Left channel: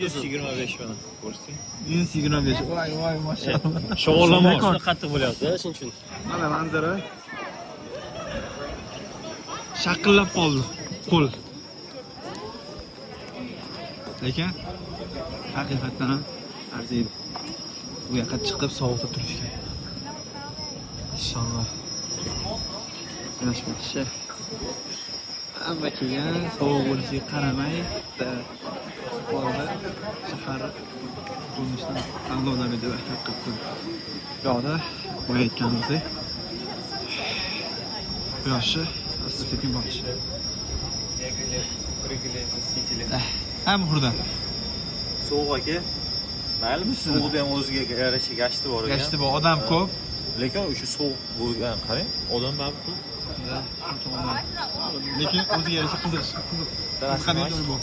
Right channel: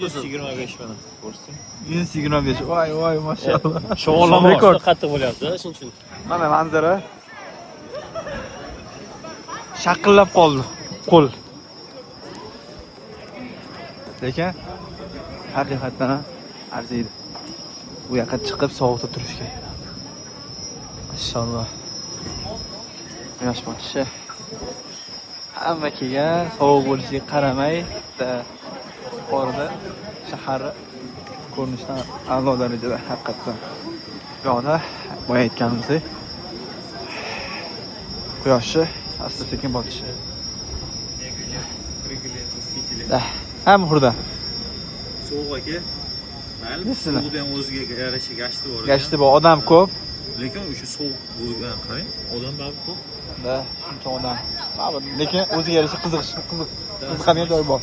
125 mana. Ko'rsatdim. 125. Voy, mashallah. Shog'ullam rekord qattiq bo'lyapti, shuning uchun. Mana manzara. Shaqillab qoldi qo'l. Lekin haqiqatan arziydi. Bu yoqqa chiqib sovuqda turishga. Inshaalloh. Yosh boshi. Hamma kelgan, sovuq bo'lishiga qaramay, orada shahar ko'rinishdan a'lodan edi haqiqatan. Yo'qda boya aytganimizdek quyoshni asta-sekin botishi. Ham burada. Sovuq aka. Mayli, suvda ham o'ziga yarasha gashti bor ekan. Gashti bor, odam ko'p. Lekin o'sha sovuq bo'lgan, qarang, odamlar ko'p. Da, shuncha odam. Lekin o'ziga yarasha qiziq. Qiziqadigan joy bor.